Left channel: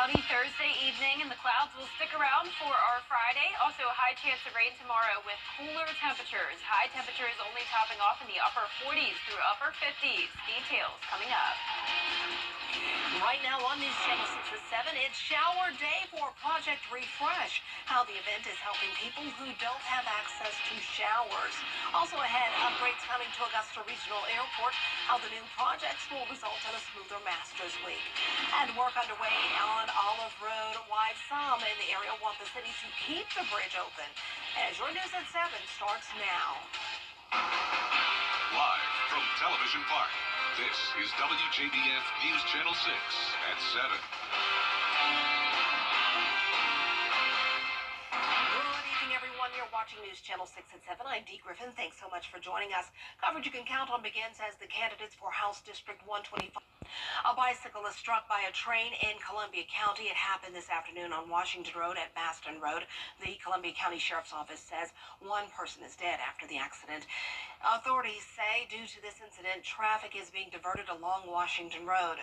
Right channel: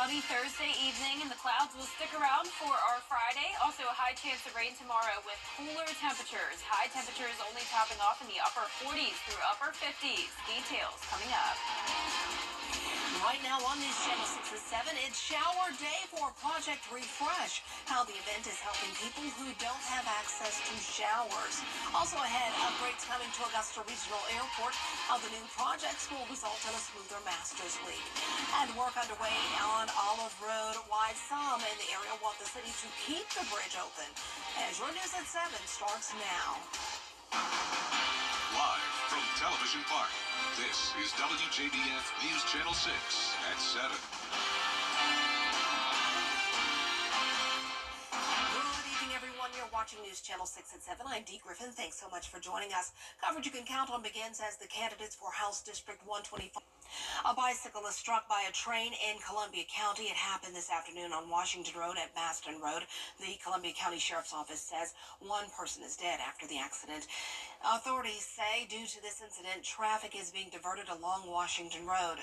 Cloudy Thursday evening, and the clouds will stick around for our Friday. Also, a high chance of rain tomorrow with cooler temperatures. High temperatures only topping off in the upper 40s through upper 50s. Details coming up. Right now on News Channel 6 at 7, it's shower day for Project Refresh. How the event is helping people who don't have access to showers. Also ahead, upgrades coming to Augusta Regional Airport. How the new projects will result in a smoother Masters Week. And work underway on Olive Road. Why some in the area want the city to keep the bridge open. As your News at 7 starts now. Live from Television Park, this is WJBF News Channel 6 at 7. Good evening, everyone. You're watching News Channel 6 at 7. I'm Dee Griffin. Thanks so much for joining us. Coverage you can count on begins as the candidates for House District 125. A bicyclist struck by a train in Columbia County. It happened this afternoon on Washington Road at Baston Road. The Columbia County Sheriff's Office says one person is dead after the accident. Authorities say due to this incident, traffic is being diverted along Washington Road.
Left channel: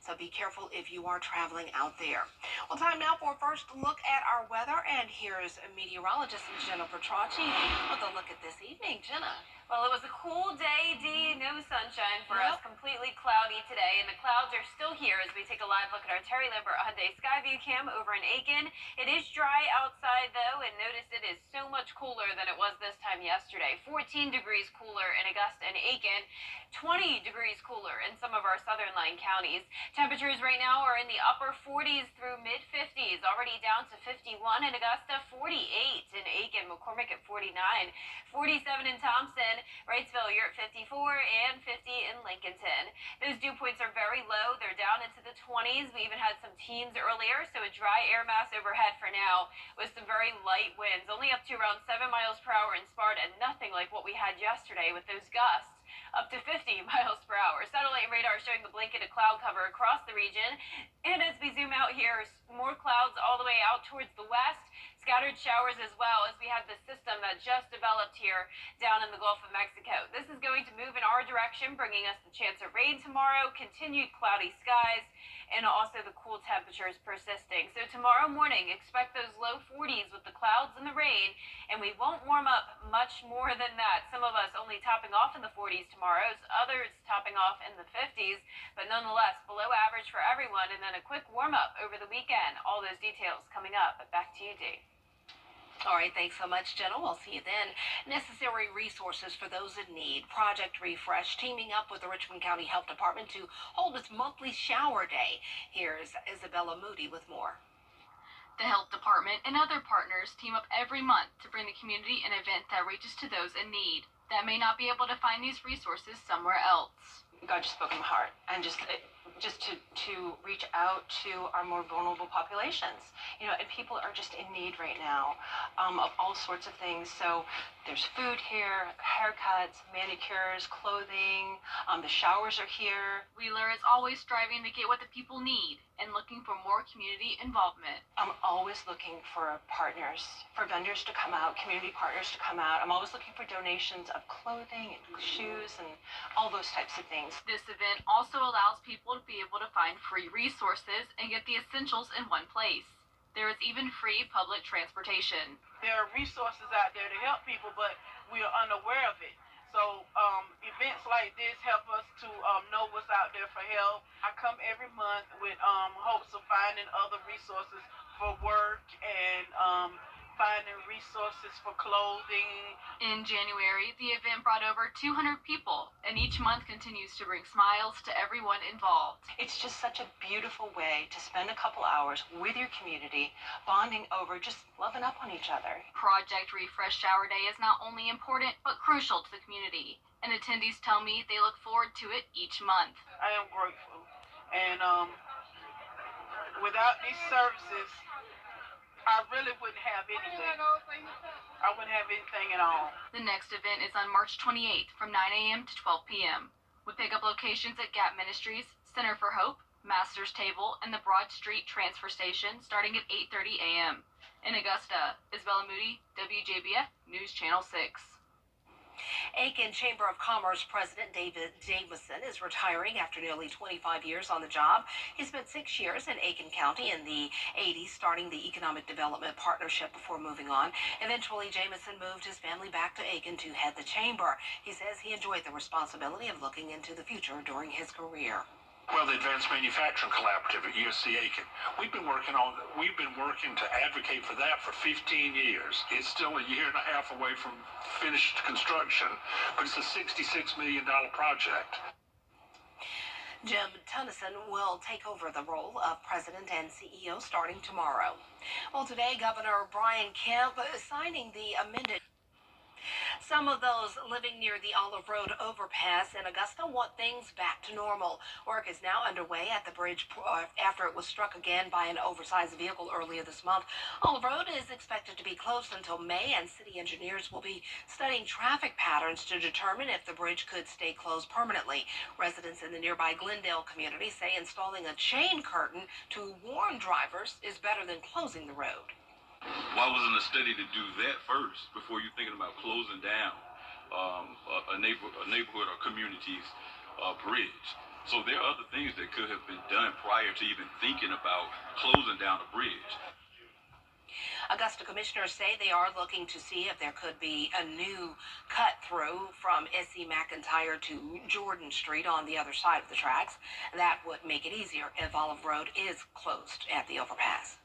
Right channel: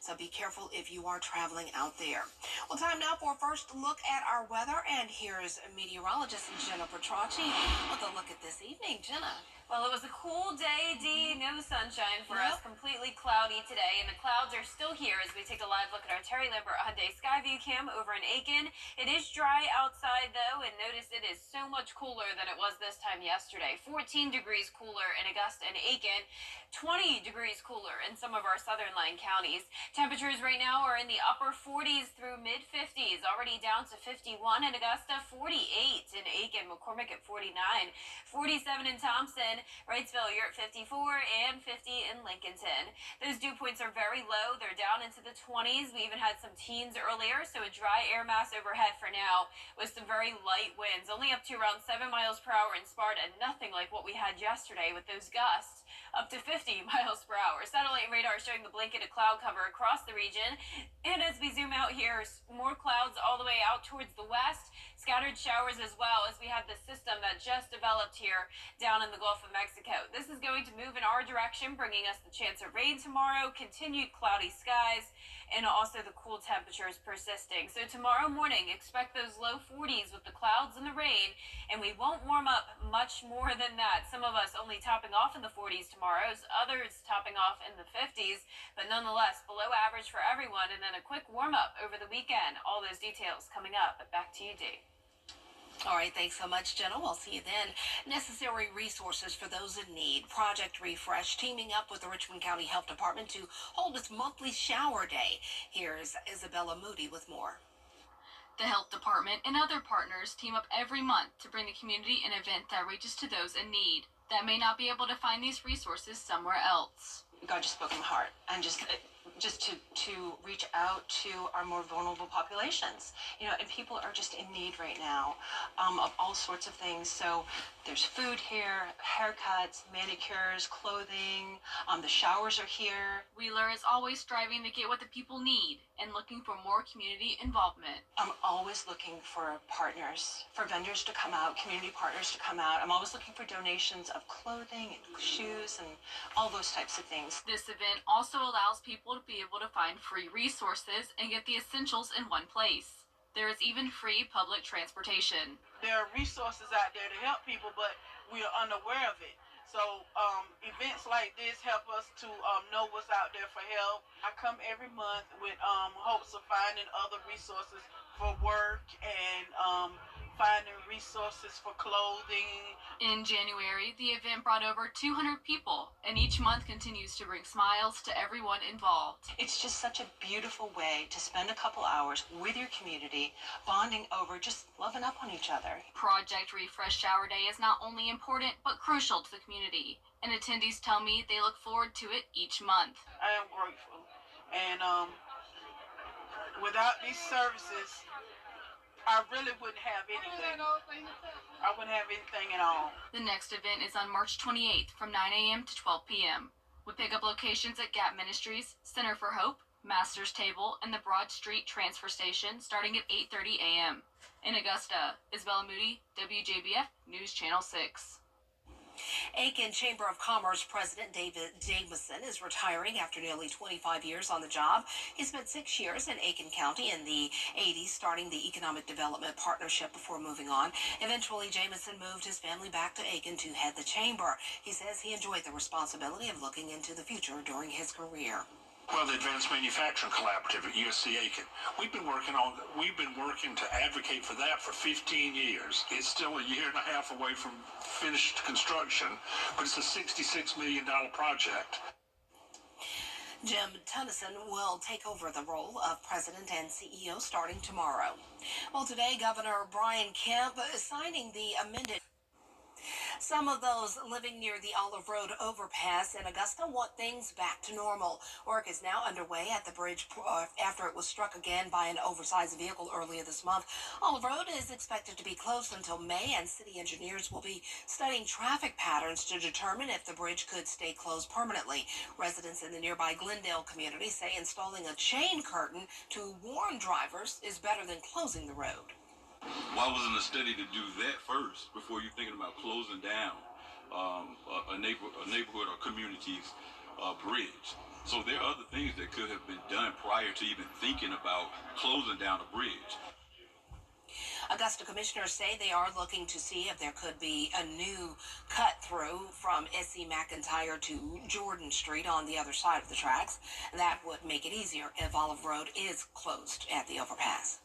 So be careful if you are traveling out there. Well, time now for a first look at our weather. And here's meteorologist Jennifer Tracci with a look at this evening. Jenna. Well, it was a cool day, Dee. No sunshine for us. Completely cloudy today, and the clouds are still here as we take a live look at our Terry Lambert Hyundai Skyview cam over in Aiken. It is dry outside, though, and notice it is so much cooler than it was this time yesterday. 14 degrees cooler in Augusta and Aiken, 20 degrees cooler in some of our southern line counties. Temperatures right now are in the upper 40s through mid-50s, already down to 51 in Augusta, 48 in Aiken, McCormick at 49, 47 in Thompson, Wrightsville, you're at 54, and 50 in Lincolnton. Those dew points are very low. They're down into the 20s. We even had some teens earlier, so a dry air mass overhead for now with some very light winds, only up to around 7 miles per hour in Sparta, nothing like what we had yesterday with those gusts up to 50 miles per hour. Satellite radar showing the blanket of cloud cover across the region. And as we zoom out here, more clouds all the way out towards the west. Scattered showers as well as we have the system that just developed here down in the Gulf of Mexico. This is going to move in our direction, bringing us the chance of rain tomorrow, continued cloudy skies, and also the cool temperatures persisting. So tomorrow morning, expect those low 40s with the clouds and the rain, and we won't warm up much more than that. Some of us only topping off in the 40s tomorrow, others topping off in the 50s, but nonetheless below average for everyone, and then a quick warm up over the weekend. All those details coming up, but back to you, Dee. All right, thanks so much, Jenna. We'll see you then. Necessary resources for those in need. Project Refresh teaming up with the Richmond County Health Department to hold its monthly shower day. Here's Isabella Moody with more. The health department and other partners team up every month to bring the community an event that reaches to those in need that may not be able to find these resources somewhere else. God just spoke in my heart, and just to reach out to our more vulnerable populations, and people are just in need right now of all sorts of things. So there's food here, haircuts, manicures, clothing, the showers are here. Wheeler is always striving to get what the people need and looking for more community involvement. I'm always looking for partners, for vendors to come out, community partners to come out. I'm always looking for donations of clothing and shoes and all those types of things. This event also allows people to be able to find free resources and get the essentials in one place. There is even free public transportation. There are resources out there to help people, but we are unaware of it. So events like this help us to know what's out there for help. I come every month with hopes of finding other resources for work and finding resources for clothing. In January, the event brought over 200 people, and each month continues to bring smiles to everyone involved. It's just such a beautiful way to spend a couple hours with your community, bonding over, just loving up on each other. Project Refresh Shower Day is not only important, but crucial to the community, and attendees tell me they look forward to it each month. I am grateful, and without these services, I really wouldn't have anything. I wouldn't have anything at all. The next event is on March 28th from 9 a.m. to 12 p.m. with pickup locations at Gap Ministries, Center for Hope, Master's Table, and the Broad Street Transfer Station starting at 8:30 a.m. In Augusta, Isabella Moody, WJBF News Channel 6. Aiken Chamber of Commerce President David Jameson is retiring after nearly 25 years on the job. He spent 6 years in Aiken County in the 80s, starting the Economic Development Partnership before moving on. Eventually, Jameson moved his family back to Aiken to head the chamber. He says he enjoyed the responsibility of looking into the future during his career. Well, the Advanced Manufacturing Collaborative at USC Aiken. We've been working to advocate for that for 15 years. It's still a year and a half away from finished construction, but it's a $66 million project. Jim Tennyson will take over the role of president and CEO starting tomorrow. Well, today, Governor Brian Kemp is signing the amended. Some of those living near the Olive Road overpass in Augusta want things back to normal. Work is now underway at the bridge after it was struck again by an oversized vehicle earlier this month. Olive Road is expected to be closed until May, and city engineers will be studying traffic patterns to determine if the bridge could stay closed permanently. Residents in the nearby Glendale community say installing a chain curtain to warn drivers is better than closing the road. Why wasn't a study to do that first before you're thinking about closing down a neighborhood or community's bridge? So there are other things that could have been done prior to even thinking about closing down a bridge. Augusta commissioners say they are looking to see if there could be a new cut through from S.E. McIntyre to Jordan Street on the other side of the tracks. That would make it easier if Olive Road is closed at the overpass.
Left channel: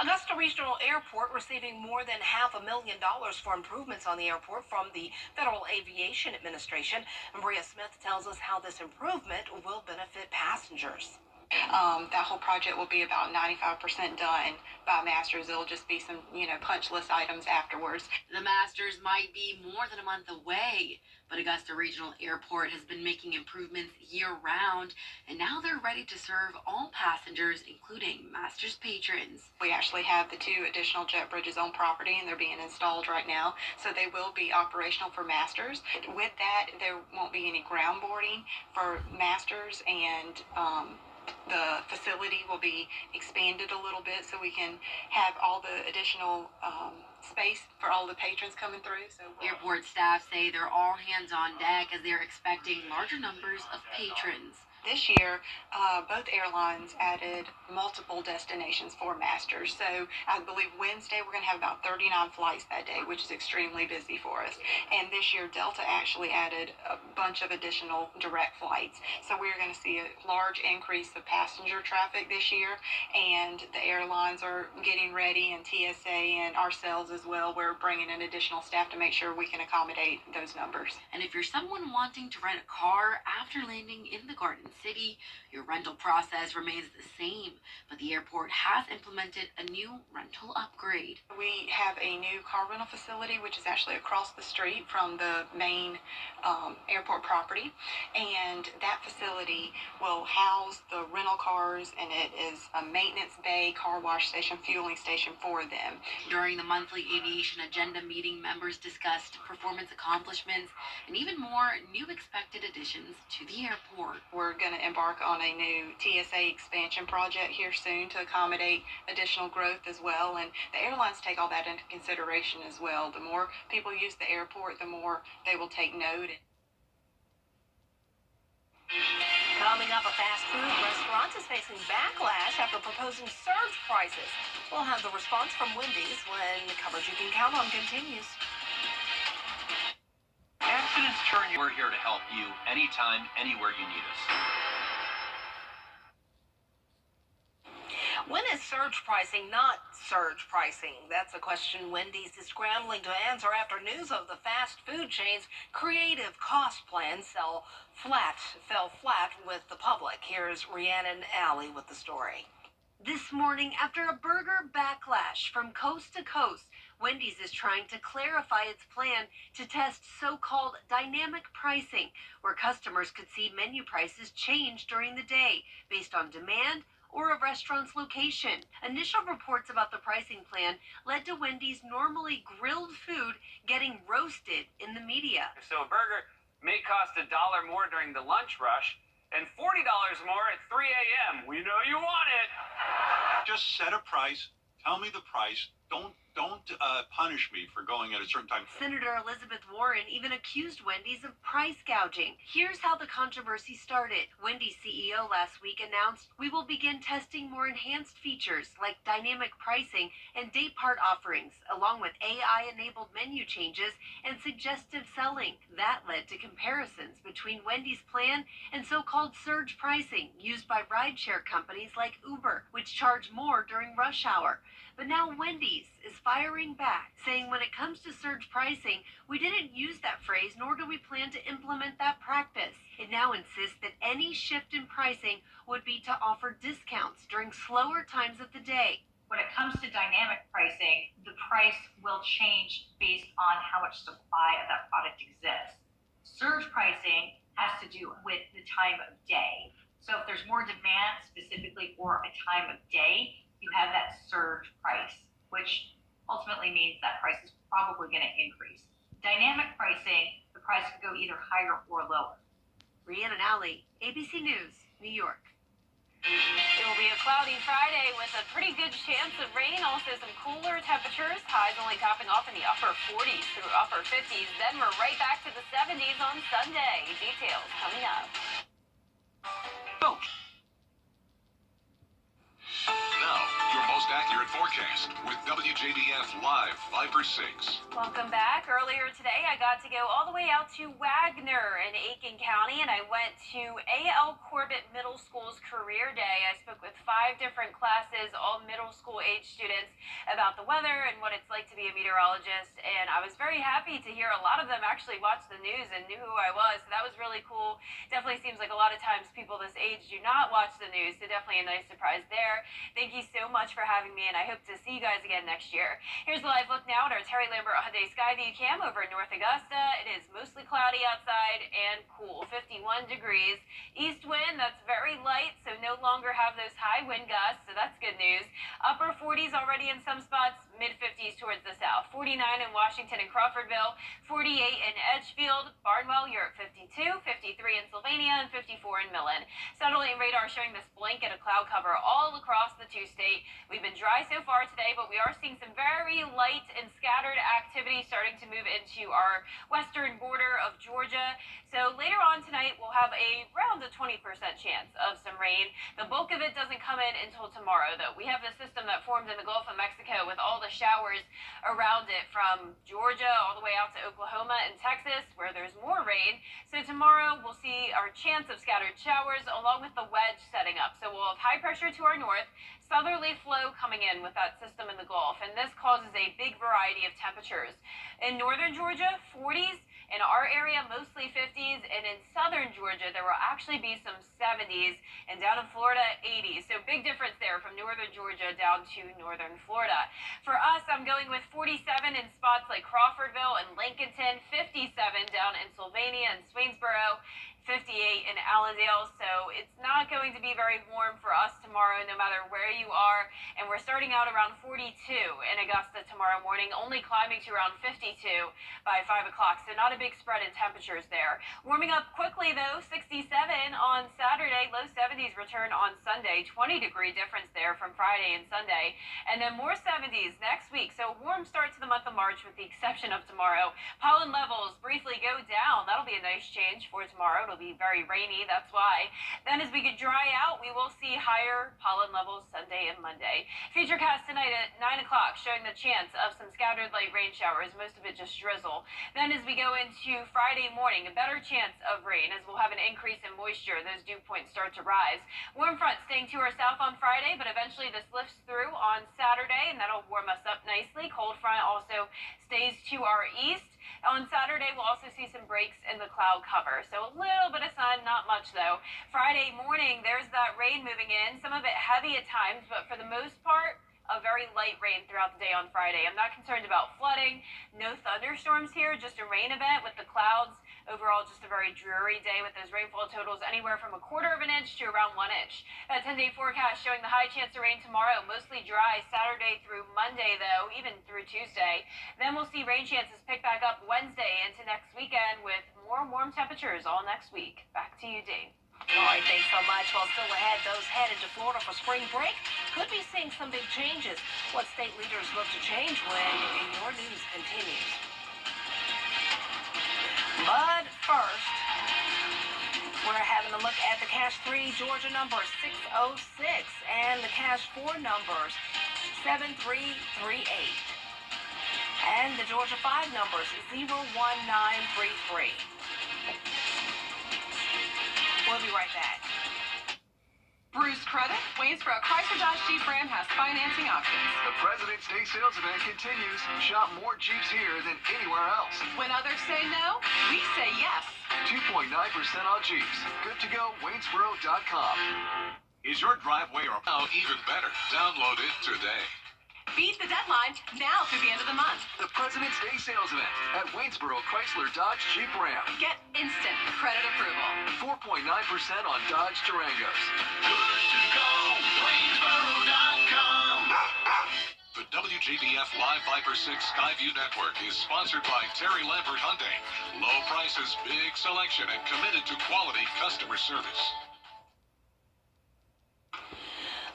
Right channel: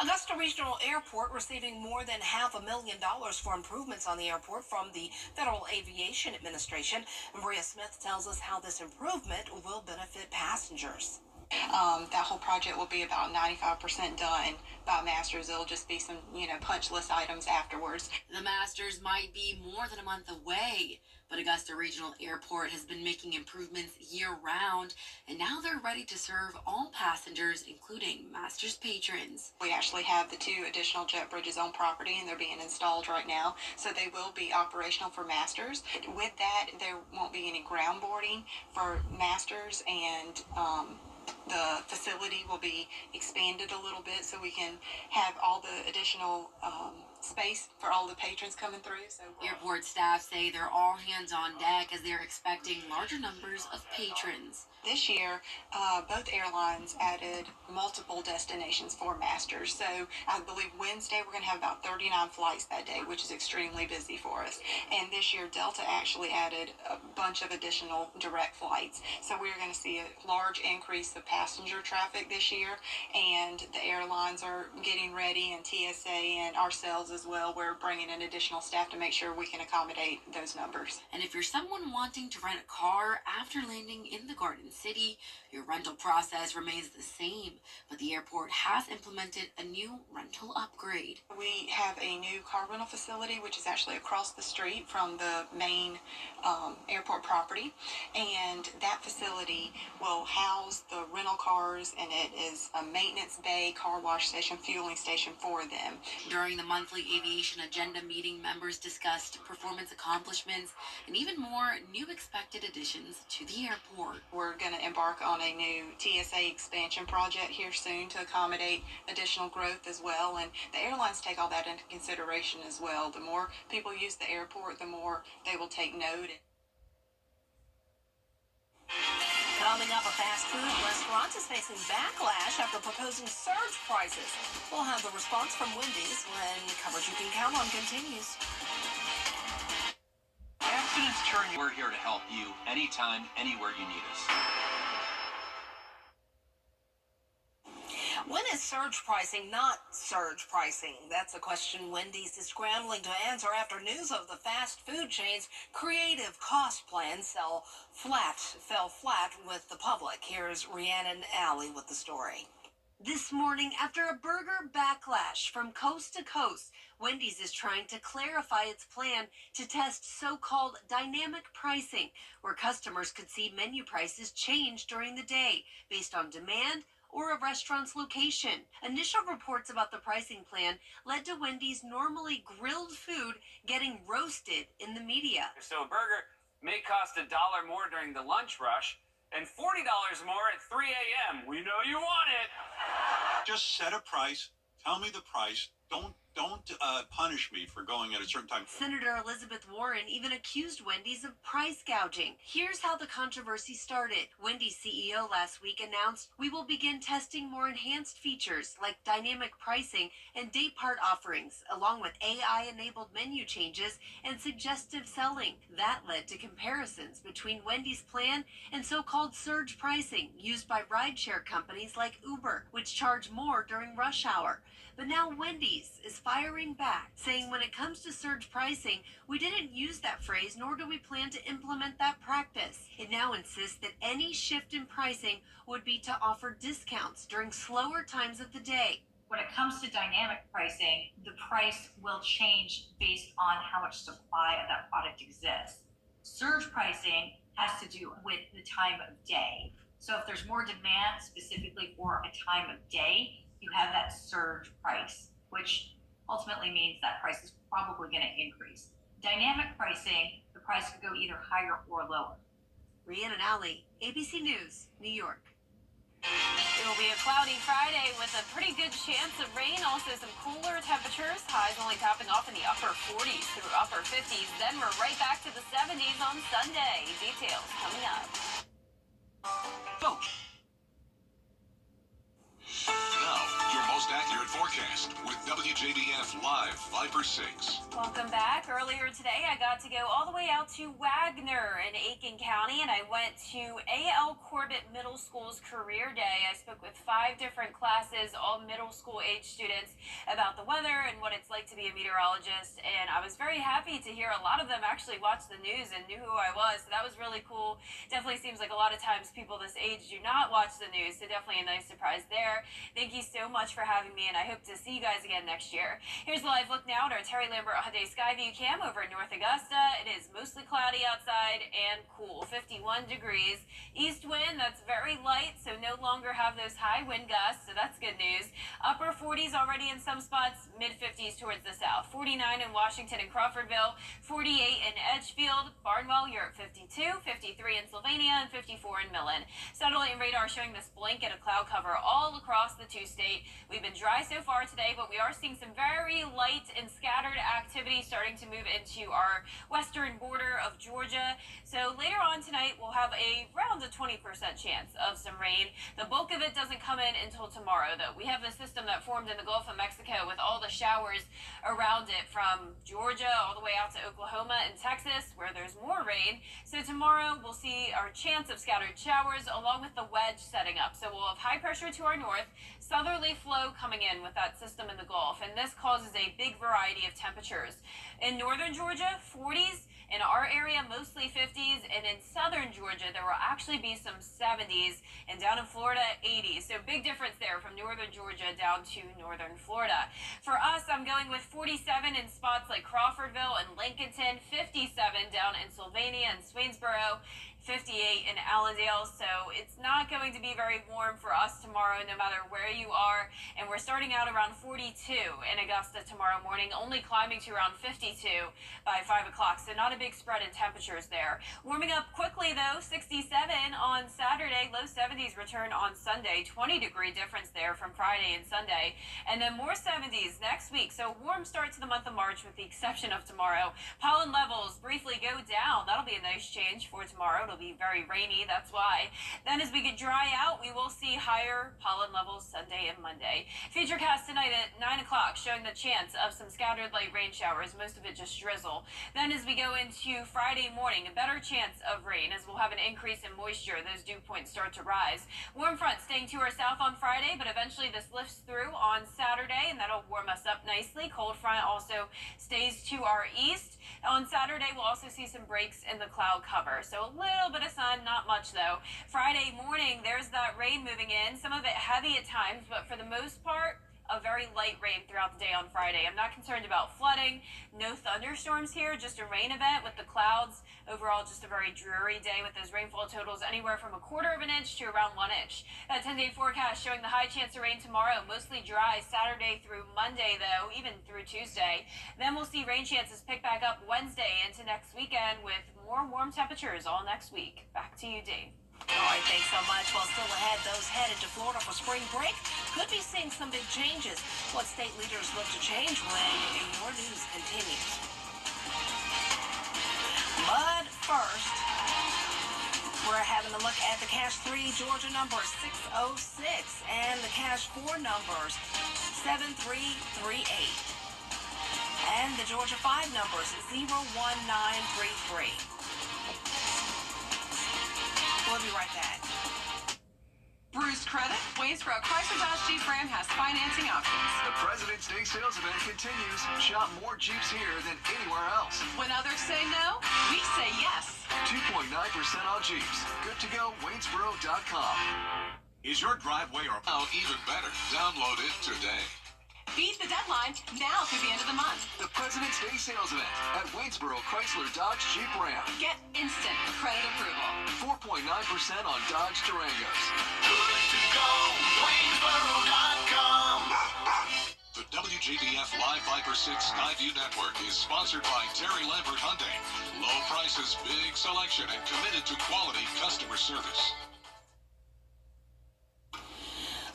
Augusta Regional Airport receiving more than $500,000 for improvements on the airport from the Federal Aviation Administration. Maria Smith tells us how this improvement will benefit passengers. That whole project will be about 95% done by masters. It'll just be some, punch list items afterwards. The masters might be more than a month away, but Augusta Regional Airport has been making improvements year-round, and now they're ready to serve all passengers, including masters patrons. We actually have the 2 additional jet bridges on property, and they're being installed right now, so they will be operational for masters. With that, there won't be any ground boarding for masters, and the facility will be expanded a little bit so we can have all the additional space for all the patrons coming through. So airport staff say they're all hands on deck as they're expecting larger numbers of patrons. This year, both airlines added multiple destinations for masters. So I believe Wednesday we're going to have about 39 flights that day, which is extremely busy for us. And this year, Delta actually added a bunch of additional direct flights. So we're going to see a large increase of passenger traffic this year. And the airlines are getting ready, and TSA and ourselves as well. We're bringing in additional staff to make sure we can accommodate those numbers. And if you're someone wanting to rent a car after landing in the Garden City, your rental process remains the same, but the airport has implemented a new rental upgrade. We have a new car rental facility, which is actually across the street from the main airport property, and that facility will house the rental cars, and it is a maintenance bay, car wash station, fueling station for them. During the monthly aviation agenda meeting, members discussed performance accomplishments and even more new expected additions to the airport. We're going to embark on a new TSA expansion project here soon to accommodate additional growth as well, and the airlines take all that into consideration as well. The more people use the airport, the more they will take note. Coming up, a fast food restaurant is facing backlash after proposing surge prices. We'll have the response from Wendy's when coverage you can count on continues. Accidents turn. We're here to help you anytime, anywhere you need us. When is surge pricing not surge pricing? That's a question Wendy's is scrambling to answer after news of the fast food chain's creative cost plan fell flat with the public. Here's Rhiannon Alley with the story. This morning, after a burger backlash from coast to coast, Wendy's is trying to clarify its plan to test so-called dynamic pricing, where customers could see menu prices change during the day based on demand or a restaurant's location. Initial reports about the pricing plan led to Wendy's normally grilled food getting roasted in the media. So a burger may cost $1 more during the lunch rush and $40 more at 3 a.m. We know you want it. Just set a price, tell me the price, Don't punish me for going at a certain time. Senator Elizabeth Warren even accused Wendy's of price gouging. Here's how the controversy started. Wendy's CEO last week announced we will begin testing more enhanced features like dynamic pricing and day part offerings, along with AI-enabled menu changes and suggestive selling. That led to comparisons between Wendy's plan and so-called surge pricing used by rideshare companies like Uber, which charge more during rush hour. But now Wendy's is firing back, saying when it comes to surge pricing, we didn't use that phrase, nor do we plan to implement that practice. It now insists that any shift in pricing would be to offer discounts during slower times of the day. When it comes to dynamic pricing, the price will change based on how much supply of that product exists. Surge pricing has to do with the time of day. So if there's more demand specifically for a time of day, you have that surge price, which ultimately means that price is probably going to increase. Dynamic pricing, the price could go either higher or lower. Rhiannon Alley, ABC News, New York. It will be a cloudy Friday with a pretty good chance of rain. Also some cooler temperatures. Highs only topping off in the upper 40s through upper 50s. Then we're right back to the 70s on Sunday. Details coming up. Boom. Now, your most accurate forecast with WJBF Live 5/6. Welcome back. Earlier today, I got to go all the way out to Wagner in Aiken County, and I went to A.L. Corbett Middle School's Career Day. I spoke with 5 different classes, all middle school age students, about the weather and what it's like to be a meteorologist, and I was very happy to hear a lot of them actually watched the news and knew who I was, so that was really cool. Definitely seems like a lot of times people this age do not watch the news, so definitely a nice surprise there. Thank you so much for having me, and I hope to see you guys again next year. Here's a live look now at our Terry Lambert Hyundai Skyview cam over in North Augusta. It is mostly cloudy outside and cool, 51 degrees. East wind, that's very light, so no longer have those high wind gusts, so that's good news. Upper 40s already in some spots, mid-50s towards the south. 49 in Washington and Crawfordville, 48 in Edgefield. Barnwell, you're at 52, 53 in Sylvania, and 54 in Millen. Satellite and radar showing this blanket of cloud cover all across the two-state. We've been dry so far today, but we are seeing some very light and scattered activity starting to move into our western border of Georgia. So later on tonight, we'll have around a 20% chance of some rain. The bulk of it doesn't come in until tomorrow, though. We have the system that formed in the Gulf of Mexico with all the showers around it from Georgia all the way out to Oklahoma and Texas, where there's more rain. So tomorrow, we'll see our chance of scattered showers along with the wedge setting up. So we'll have high pressure to our north, southerly flow coming in with that system in the Gulf, and this causes a big variety of temperatures. In northern Georgia, 40s. In our area, mostly 50s, and in southern Georgia, there will actually be some 70s, and down in Florida, 80s. So big difference there from northern Georgia down to northern Florida. For us, I'm going with 47 in spots like Crawfordville and Lincolnton, 57 down in Sylvania and Swainsboro, 58 in Allendale, so it's not going to be very warm for us tomorrow, no matter where you are. And we're starting out around 42 in Augusta tomorrow morning, only climbing to around 52 by 5 o'clock, so not a big spread in temperatures there. Warming up quickly, though, 67 on Saturday, low 70s return on Sunday, 20-degree difference there from Friday and Sunday, and then more 70s next week, so warm start to the month of March with the exception of tomorrow. Pollen levels briefly go down. That'll be a nice change for tomorrow. It'll be very rainy, that's why. Then as we get dry out, we will see higher pollen levels Sunday and Monday. Futurecast tonight at 9 o'clock showing the chance of some scattered light rain showers, most of it just drizzle. Then as we go into Friday morning, a better chance of rain as we'll have an increase in moisture. Those dew points start to rise. Warm front staying to our south on Friday, but eventually this lifts through on Saturday, and that'll warm us up nicely. Cold front also stays to our east. On Saturday, we'll also see some breaks in the cloud cover. So a little bit of sun, not much though. Friday morning, there's that rain moving in, some of it heavy at times, but for the most part, a very light rain throughout the day on Friday. I'm not concerned about flooding, no thunderstorms here, just a rain event with the clouds. Overall, just a very dreary day with those rainfall totals anywhere from a quarter of an inch to around 1 inch. That 10-day forecast showing the high chance of rain tomorrow, mostly dry Saturday through Monday though, even through Tuesday. Then we'll see rain chances pick back up Wednesday into next weekend with more warm temperatures all next week. Back to you, Dave. All right, thanks so much. Well, still ahead, those headed to Florida for spring break could be seeing some big changes. What state leaders look to change when your news continues. But first, we're having a look at the Cash 3 Georgia number 606 and the Cash 4 numbers 7338. And the Georgia 5 numbers 01933. We'll be right back. Bruce Credit, Waynesboro Chrysler Dodge Jeep Ram has financing options. The President's Day sales event continues. Shop more Jeeps here than anywhere else. When others say no, we say yes. 2.9% on Jeeps. Good to go, Waynesboro.com. Is your driveway or now even better? Download it today. Beat the deadline now through the end of the month. The President's Day sales event at Waynesboro Chrysler Dodge Jeep Ram. Get instant credit approval. 4.9% on Dodge Durangos. Good to go, Waynesboro.com. The WJBF Live Viper 6 Skyview Network is sponsored by Terry Lambert Hyundai. Low prices, big selection, and committed to quality customer service.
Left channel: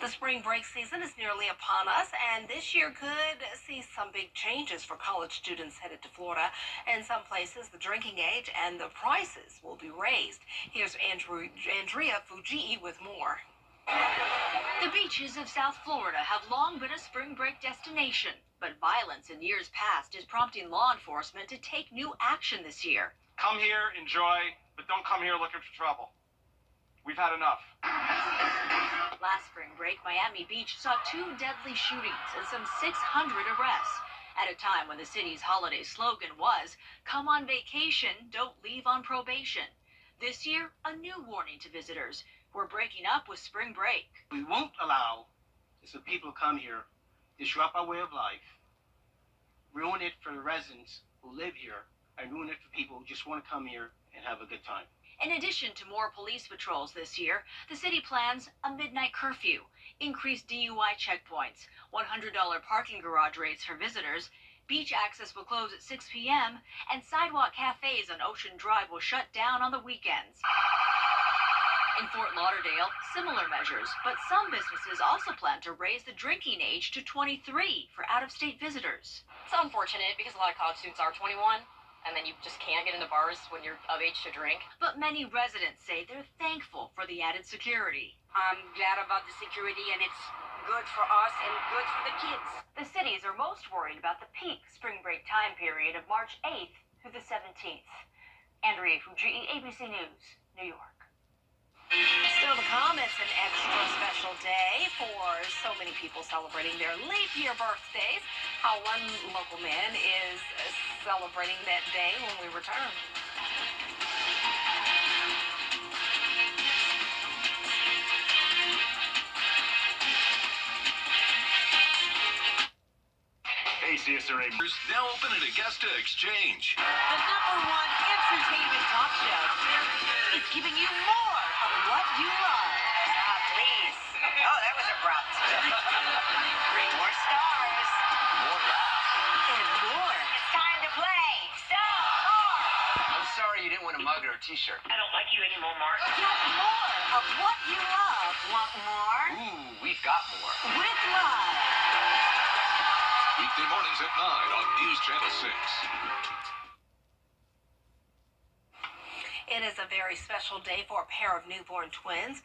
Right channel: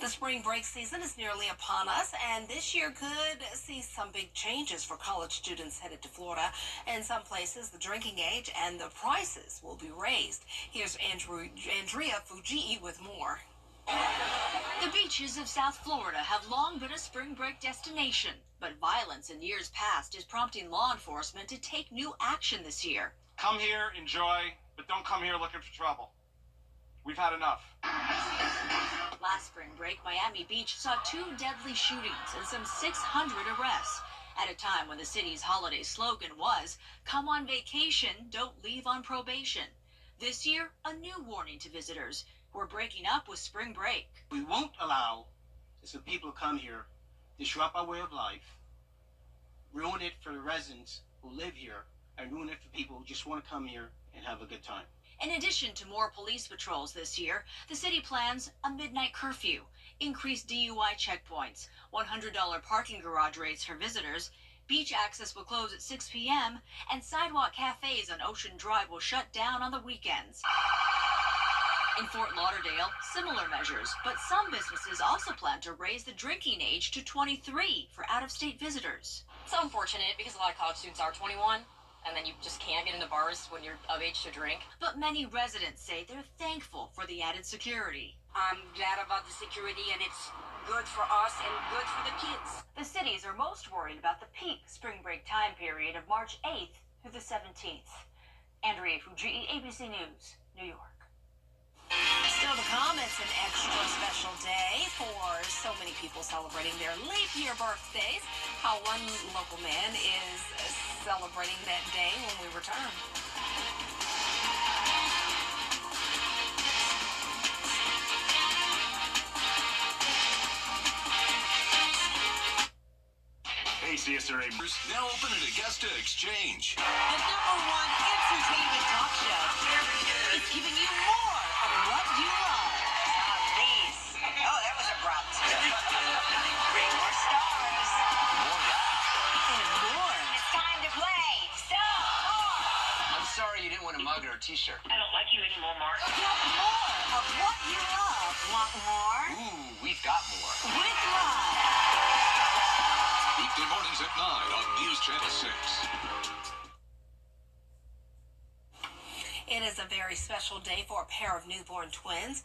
The spring break season is nearly upon us, and this year could see some big changes for college students headed to Florida. In some places, the drinking age and the prices will be raised. Here's Andrea Fujii with more. The beaches of South Florida have long been a spring break destination, but violence in years past is prompting law enforcement to take new action this year. Come here, enjoy, but don't come here looking for trouble. We've had enough. Last spring break, Miami Beach saw 2 deadly shootings and some 600 arrests at a time when the city's holiday slogan was, "Come on vacation, don't leave on probation." This year, a new warning to visitors. We're breaking up with spring break. We won't allow some people to come here, disrupt our way of life, ruin it for the residents who live here, and ruin it for people who just want to come here and have a good time. In addition to more police patrols this year, the city plans a midnight curfew, increased DUI checkpoints, $100 parking garage rates for visitors, beach access will close at 6 p.m., and sidewalk cafes on Ocean Drive will shut down on the weekends. In Fort Lauderdale, similar measures, but some businesses also plan to raise the drinking age to 23 for out-of-state visitors. It's unfortunate because a lot of college students are 21. And then you just can't get into bars when you're of age to drink. But many residents say they're thankful for the added security. I'm glad about the security, and it's good for us and good for the kids. The cities are most worried about the peak spring break time period of March 8th through the 17th. Andrea Fujii, ABC News, New York. Still to come, it's an extra special day for so many people celebrating their leap year birthdays. How one local man is celebrating that day when we return. Hey, CSRA. Now open at Augusta Exchange. The #1 entertainment talk show is giving you more of what you love. Please. Oh, that was abrupt. More stars. More rap. And more. It's time to play. Stars. I'm sorry you didn't win a mug or a t-shirt. I don't like you anymore, Mark. Get more of what you love. Want more? Ooh, we've got more. With Live. Weekday mornings at 9 on News Channel 6. It is a very special day for a pair of newborn twins.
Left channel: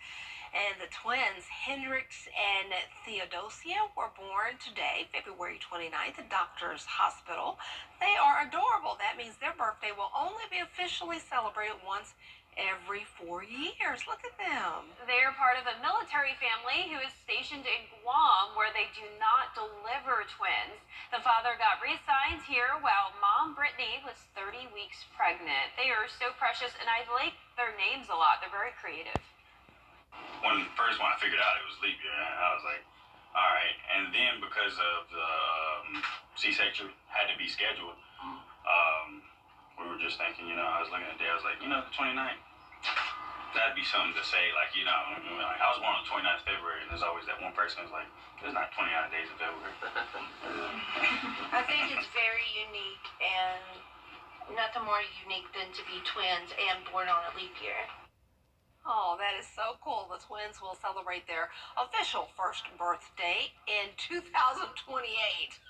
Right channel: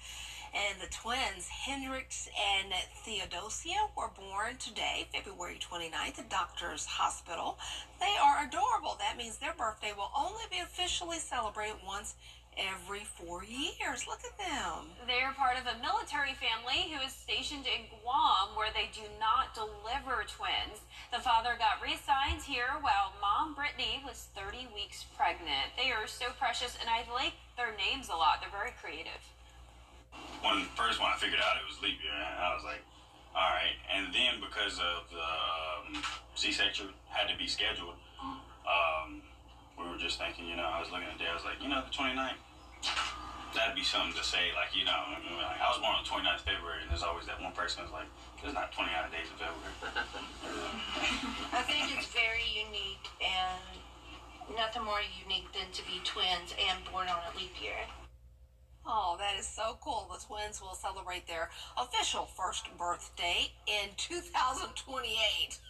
And the twins, Hendrix and Theodosia, were born today, February 29th, at Doctors Hospital. They are adorable. That means their birthday will only be officially celebrated once every 4 years. Look at them. They are part of a military family who is stationed in Guam, where they do not deliver twins. The father got reassigned here while mom, Brittany, was 30 weeks pregnant. They are so precious, and I like their names a lot. They're very creative. When I figured out it was leap year, I was like, all right. And then because of the C-section had to be scheduled, we were just thinking, I was looking at the day, I was like, the 29th, that'd be something to say, like, like I was born on the 29th of February, and there's always that one person who's like, there's not 29 days in February. I think it's very unique, and nothing more unique than to be twins and born on a leap year. Oh, that is so cool. The twins will celebrate their official first birthday in 2028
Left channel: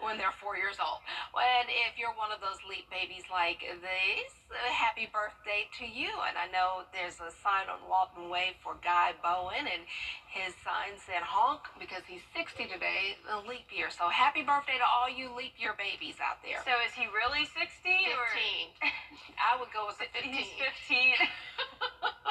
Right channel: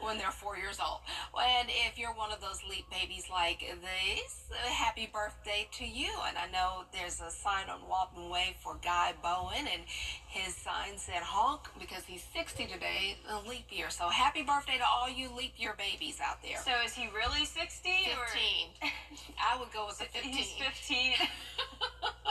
when they're 4 years old. And if you're one of those leap babies like these, happy birthday to you. And I know there's a sign on Walton Way for Guy Bowen, and his sign said honk because he's 60 today, a leap year. So happy birthday to all you leap year babies out there. So is he really 60? 15. Or? I would go with the 15. He's 15.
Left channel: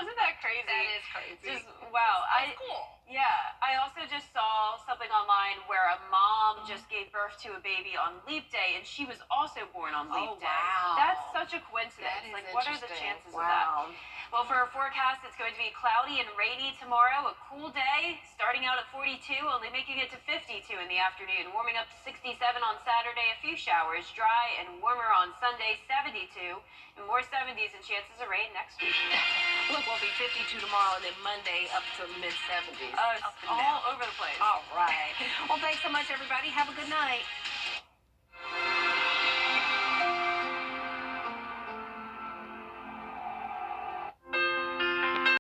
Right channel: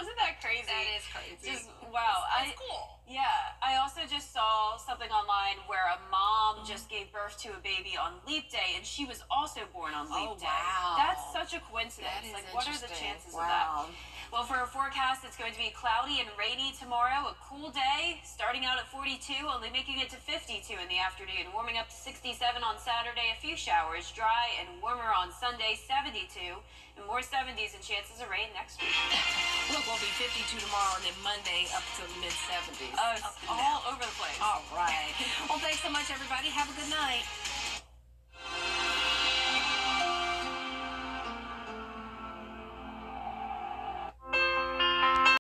Isn't that crazy? That is crazy. Just wow. That's cool. Yeah. I also just saw something online where a mom just gave birth to a baby on Leap Day, and she was also born on Leap Day. Wow. That's such a coincidence. That is like, what are the interesting. chances of that? Well, for our forecast, it's going to be cloudy and rainy tomorrow. A cool day, starting out at 42, only making it to 52 in the afternoon. Warming up to 67 on Saturday, a few showers. Dry and warmer on Sunday, 72. And more 70s and chances of rain next week. Look, we'll be 52 tomorrow, and then Monday up to mid-70s. It's all over the place. All right. Well, thanks so much, everybody. Have a good night.